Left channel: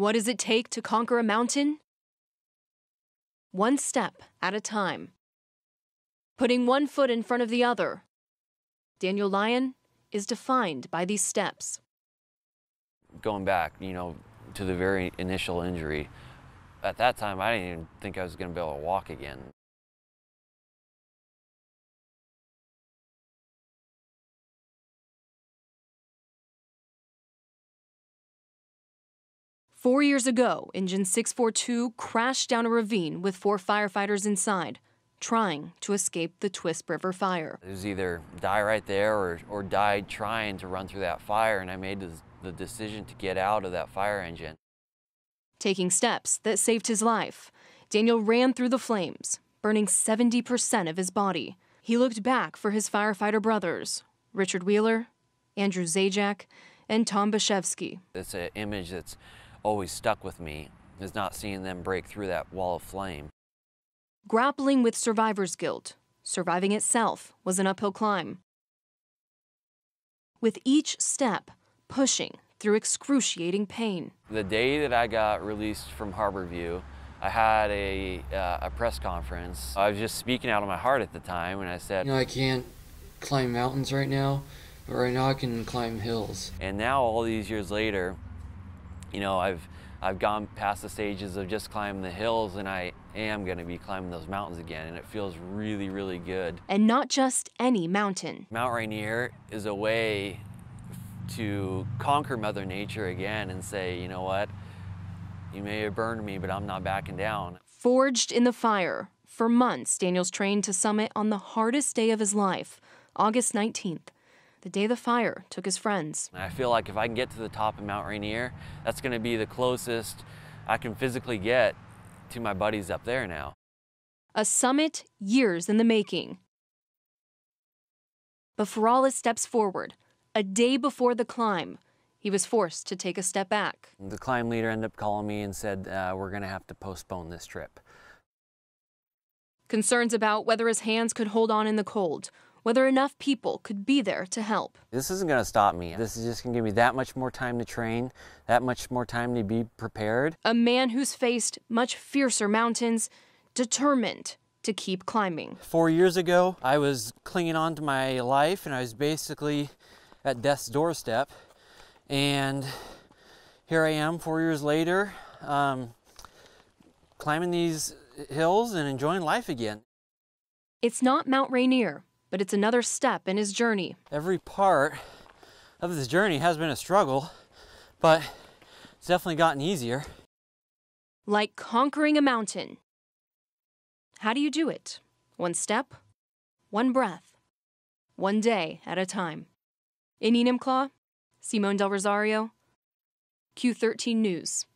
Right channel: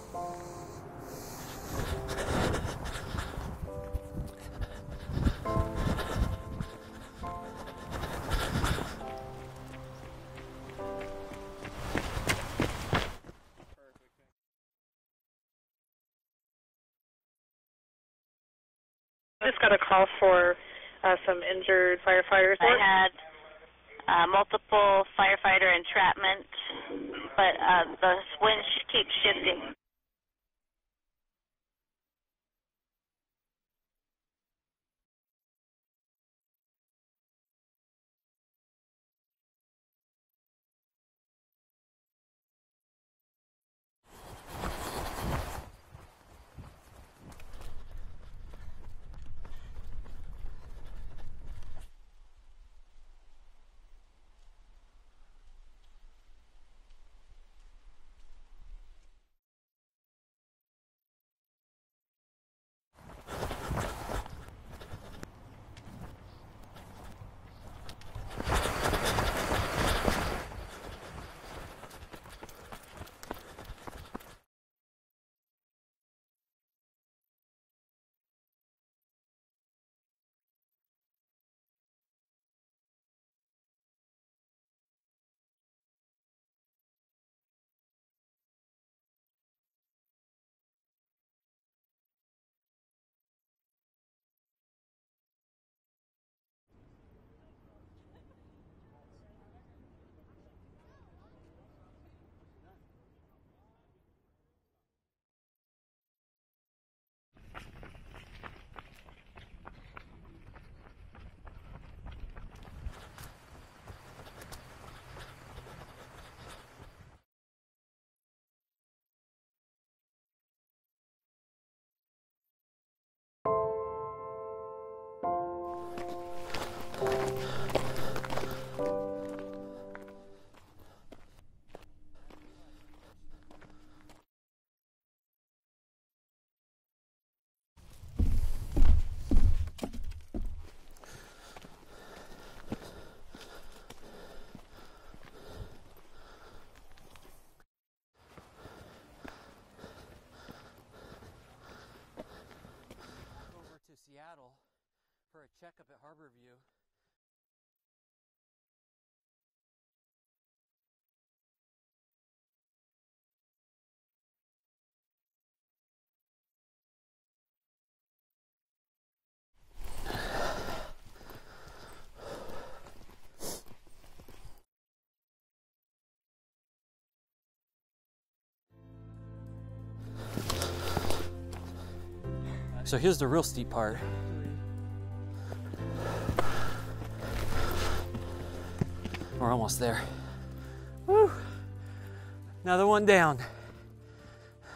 What does it take to conquer a mountain? One step at a time. Putting one foot in front of the other. Daniel Lyon is defined by these steps. Going back, to the very initial injury, at that time I didn't even think I was going to be able to walk again. I just got a call for some injured firefighters. I had multiple firefighter entrapment, but the wind keeps shifting. 4 years ago, Engine 642 crashed down a ravine with 4 firefighters inside, trying to escape the Twisp River Fire. It was either die right there or die trying to run through that fire, and I made the decision to get out of that fire engine. Taking steps that saved his life, Daniel ran through the flames, burning 70% of his body. He looked back for his firefighter brothers, Richard Wheeler, Andrew Zajac, and Tom Bashevsky. It's an image that's always stuck with me, is not seeing them break through that wall of flame. Grappling with survivor's guilt, surviving itself was an uphill climb. With each step, pushing through excruciating pain. The day that I got released from Harborview, I had a press conference. I was just speaking out of my heart at the time, and I said, I can't climb mountains right now, but right now I can climb hills. And now, all these years later, I've gone past the stages of just climbing the hills, and I am going to be climbing those mountains again, and it feels really, really good. And not just any mountain. Mount Rainier is a way to conquer Mother Nature again and say, you know what? You may have burned me, but I'm not backing down. Forged in the fire. For months, Daniel's trained to summit on the hardest day of his life, August 19th, the day the fire took his friends. And I feel like if I can get to the top of Mount Rainier, that's going to be the closest I can physically get to my buddies up there now. A summit years in the making. But for all his steps forward, a day before the climb, he was forced to take a step back. The climb leader ended up calling me and said, we're going to have to postpone this trip. Concerns about whether his hands could hold on in the cold, whether enough people could be there to help. This isn't going to stop me. This is just going to give me that much more time to train, that much more time to be prepared. A man who's faced much fiercer mountains, determined to keep climbing. 4 years ago, I was clinging on to my life, and I was basically at death's doorstep. And here I am 4 years later, climbing these hills and enjoying life again. It's not Mount Rainier, but it's another step in his journey. Every part of this journey has been a struggle, but it's definitely gotten easier. Like conquering a mountain. So here's the real steep part. How do you do it? One step, one breath, one day at a time. We're almost there. In Enumclaw, Simone Del Rosario. Another one down. Q13 News.